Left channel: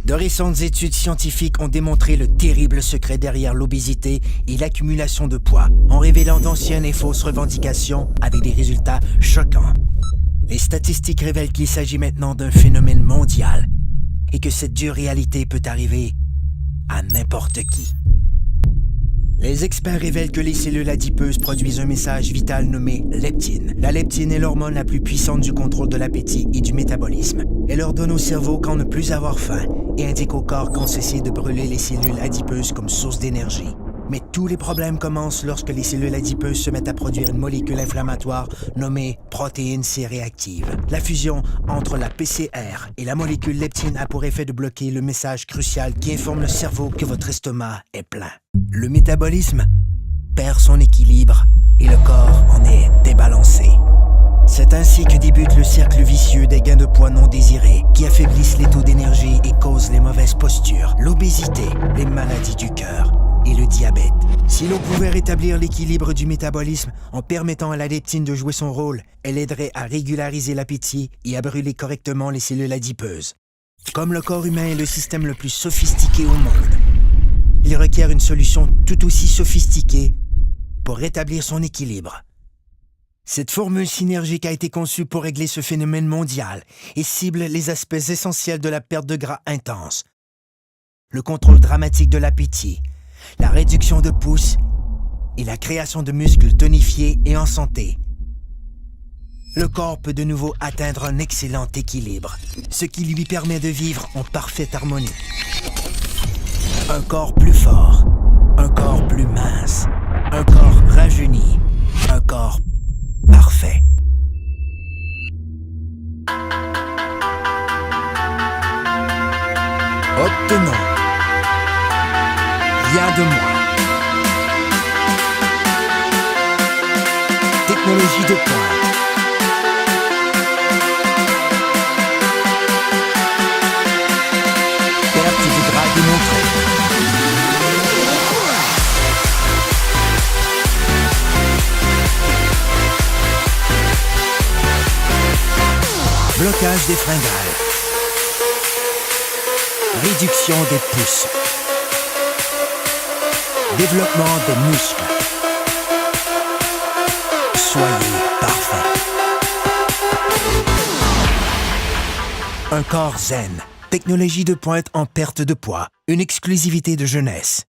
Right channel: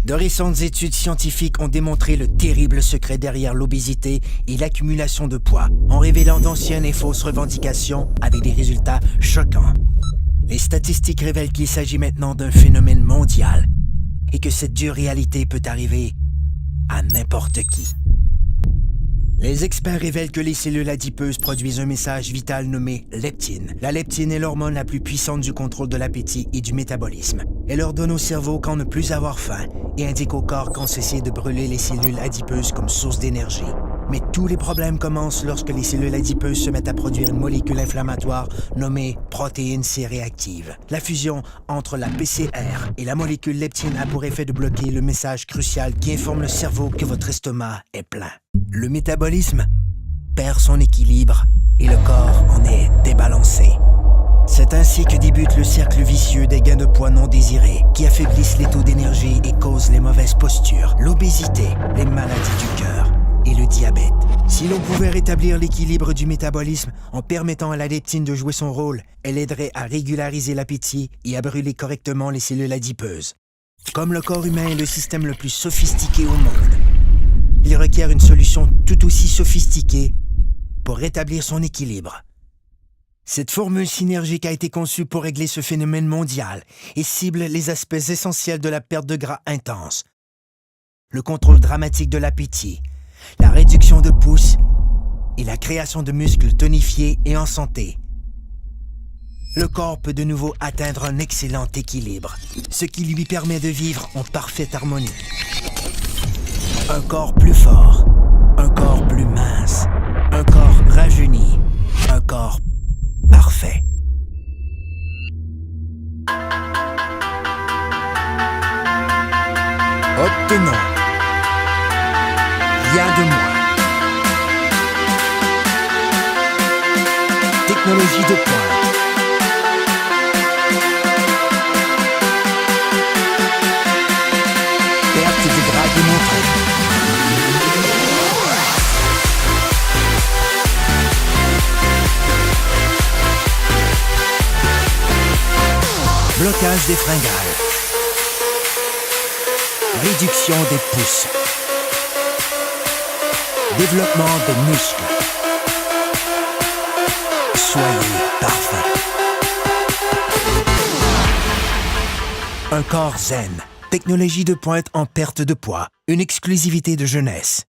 De récentes études scientifiques ont démontré le terrible secret derrière l'obésité et l'accumulation de poids, en révélant d'anciennes et fausses revendications avec des résultats choquants. Les statistiques révèlent qu'il s'agit maintenant d'un phénomène mondial et que cette dure réalité peut arriver à n'importe qui. Les experts révèlent que les cellules adipeuses produisent un message vital nommé leptine. La leptine est l'hormone la plus puissante du contrôle de l'appétit et du métabolisme. Elle ordonne au cerveau quand ne plus avoir faim et indique au corps quand cesser de brûler les cellules adipeuses comme source d'énergie. Mais tous les problèmes commencent lorsque les cellules adipeuses se mettent à produire une molécule inflammatoire nommée protéine C réactive. La fusion entre la PCR et la molécule leptine a pour effet de bloquer le message crucial qui informe le cerveau que votre estomac est plein. Le métabolisme perd son équilibre et le corps en est débalancé. C'est ainsi que débute le cercle vicieux des gains de poids non désirés qui affaiblissent les taux d'énergie et causent les mauvaises postures, l'obésité, les maladies du cœur et le diabète. Si l'on pouvait rétablir l'équilibre du métabolisme en permettant à la leptine de jouer son rôle, elle aiderait à régulariser l'appétit et à brûler correctement les cellules adipeuses. Comme le corps humain est le système le plus sophistiqué au monde, il requiert une solution tout aussi sophistiquée pour rétablir son équilibre. Cette formule synergique a été conçue pour régler ce phénomène mondial et cible les aspects essentiels de la perte de gras intense, le contrôle dramatique de l'appétit, la réduction de pouces et la création de muscles tonifiés et en santé. Le corps peut de nouveau atteindre un excellent équilibre, ce qui lui permet de vivre en parfaite harmonie. Un corps plus fort, un corps plus mince, un corps rajeuni, un corps parfait. Obtenons rien de moins. Technologie de pointe. Perte de gras démontrée. Blocage des fringales. Réduction des pouces. Développement des muscles. Soyez parfait. Un corps zen. Technologie de pointe en perte de poids. Une exclusivité de jeunesse.